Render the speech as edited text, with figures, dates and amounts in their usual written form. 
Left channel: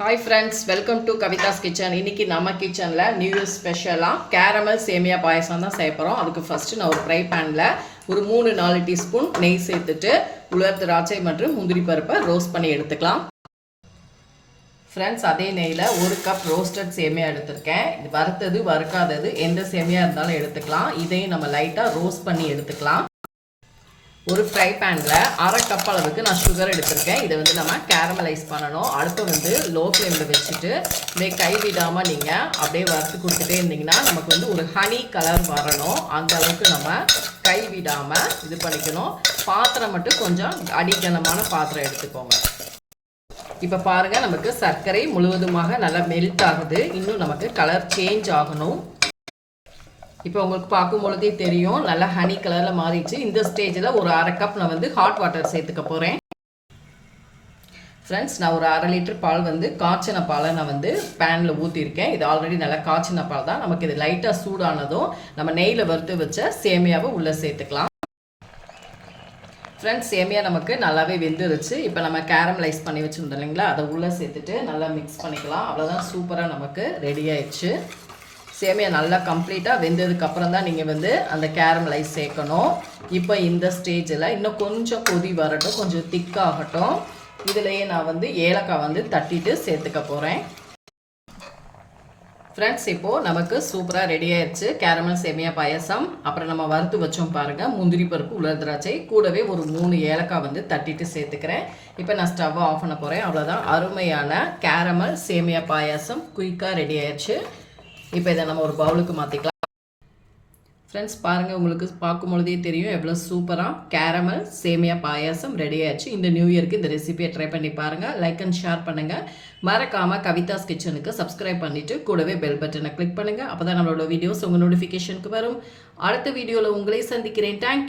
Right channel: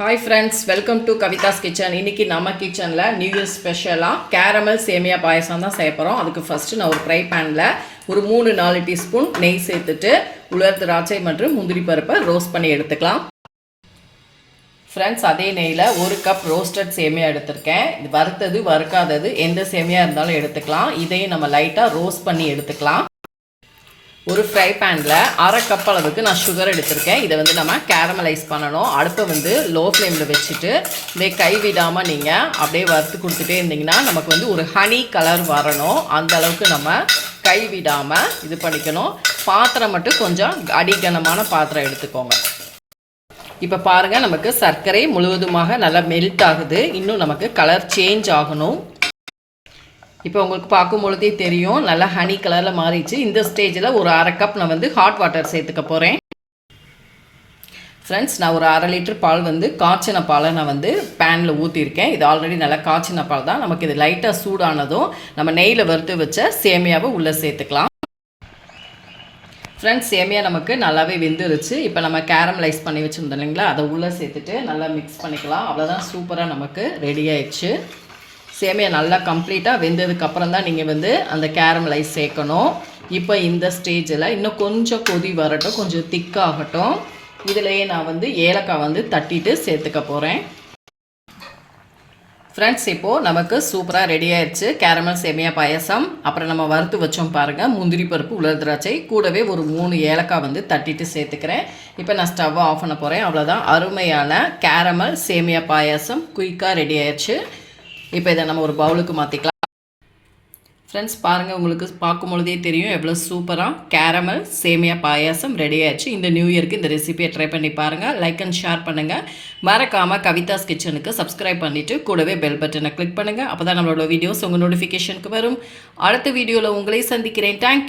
Hi friends, welcome to Kavitha's kitchen. இன்றைக்கி நம்ம கிச்சனில் நியூ இயர் ஸ்பெஷலாக கேரமல் சேமியா பாயசம் தான் செய்ய போகிறோம். அதுக்கு ஃபஸ்ட்டு நான் ஒரு ஃப்ரை பேனில் ஒரு 3-4 டீஸ்பூன் நெய் சேர்த்துட்டு உலர் திராட்சை மற்றும் முந்திரி பருப்பை ரோஸ்ட் பண்ணி எடுத்துக்கலாம். ஃப்ரெண்ட்ஸ், அதே நெய்யில் 1 கப் ரோஸ்டட் சேமியா எடுத்திருக்கேன். இது வறுத்தது வறுக்காதது எந்த சேமியா இருந்தாலும் எடுத்துக்கலாம். இதையும் நம்ம லைட்டாக ரோஸ்ட் பண்ணி எடுத்துக்கலாம். ஒரு ஃப்ரை பேனில் 1/2 கப் அளவுக்கு நான் சுகர் எடுத்திருக்கேன். இதை நம்ம கேரமலைஸ் பண்ணணும். அடுப்பை லோ ஃப்ளேமில் வச்சுட்டு இதே கைவிடாமல் நீங்கள் அப்படியே வறுத்து கொடுத்துட்டே இருந்தீங்கன்னா நமக்கு ஒரு ஹனி கலர் வரணும். அந்த அளவுக்கு நம்ம கைவிடாமல் இது பண்ணிக்கணும். பாத்திரம் மட்டும் கொஞ்சம் அடிகனமான பாத்திரம் எடுத்துக்கோங்க. இப்போ பாருங்கள், நமக்கு சர்க்கரை முழுவதுமாக நல்லா மெல்ட் ஆகுது. இன்னும் நமக்கு கலர் சேஞ்ச் ஆகணும். இப்போ உங்களுக்கு பார்க்கும் பொழுதே தெரியும், நல்லா ஹனி கலரில் மாறிடுச்சு. இந்த ஸ்டேஜில் ஒரு 1/2 கப் நான் ஹாட் வாட்டர் சேர்த்துக்க போகிறேன். ஃப்ரெண்ட்ஸ், நான் ஒரு 1/2 லிட்டர் பால் காய்ச்சின பாலை நான் பேனில் ஊற்றிருக்கேன். இது ஆல்ரெடி நல்லா காய்ச்சின பால் தான். நமக்கு இது லைட்டாக சூடானதும் நம்ம நெய்யில் வறுத்து வச்ச சேமியாவை உள்ளே சேர்த்துக்கலாம். ஃப்ரெண்ட்ஸ், சேமியா நமக்கு நல்லாவே வெந்துருச்சு. இப்போ நம்ம கேரமலைஸ் பண்ணி வச்சுருந்தோம் இல்லைங்களா, அதை உள்ளே சேர்த்துட்டு நல்லா மிக்ஸ் பண்ணிக்கலாம். அவ்வளோதான், சூப்பராக நமக்கு ரெடி ஆயிடுச்சு. சேமியா நல்லா கம்ப்ளீட்டாக வெந்ததுக்கப்புறம் தான் நீங்கள் அந்த கேரமலைஸ் சேர்க்கணும். இப்போ இந்த ஸ்டேஜில் இன்னும் கொஞ்சம் கொதி வரட்டும், கொஞ்சம் திக்காகட்டும். இதிலையே நான் ஏலக்காய் தட்டிட்டு சேர்த்துக்க போகிறேன். ஃப்ரெண்ட்ஸ், இப்போது நமக்கு சூப்பராக ரெடி ஆயிடுச்சு கேரமல் சேமியா பாயசம். அப்புறம் நம்ம வறுத்து வச்சோம் பாருங்கள், முந்திரி பருப்பு, உலர் திராட்சை, கூடவே ஒரு 3 ஏலக்காய் தட்டிட்டு சேர்த்துக்கிறேன். இப்போ நான் ஸ்டவ்வை ஆஃப் பண்ண போகிறேன். அவ்வளோதான், அருமையான கேரமல் சேமியா பாயசம் குயிக்காக ரெடி ஆயிடுச்சு. இப்போ இதை நம்ம ஒரு பவுலுக்கு மாற்றிக்கலாம். ஃப்ரெண்ட்ஸ், பாருங்கள், உங்களுக்கு பார்க்கும் பொழுதே தெரியும் எவ்வளோ சூப்பராக கேரமல் சேமியா பாயாசம் ரெடி ஆயிடுச்சு. இந்த நியூ இயருக்கு இந்த ரெசிபியை ட்ரை பண்ணி பாருங்கள். லைக் அண்ட் ஷேர் பண்ணுங்கள். மறக்காமல் கவிதாஸ் கிச்சனுக்கு சப்ஸ்கிரைப் பண்ணிவிட்டு கூடவே பெல் பட்டனை கிளிக் பண்ணுங்கள். அப்போ தான் நம்மளோட வீடியோஸ் உங்கள் நோட்டிஃபிகேஷனுக்கு வரும். அடுத்த வீடியோவில் உங்களை சந்திக்கிறேன். தேங்க்யூ.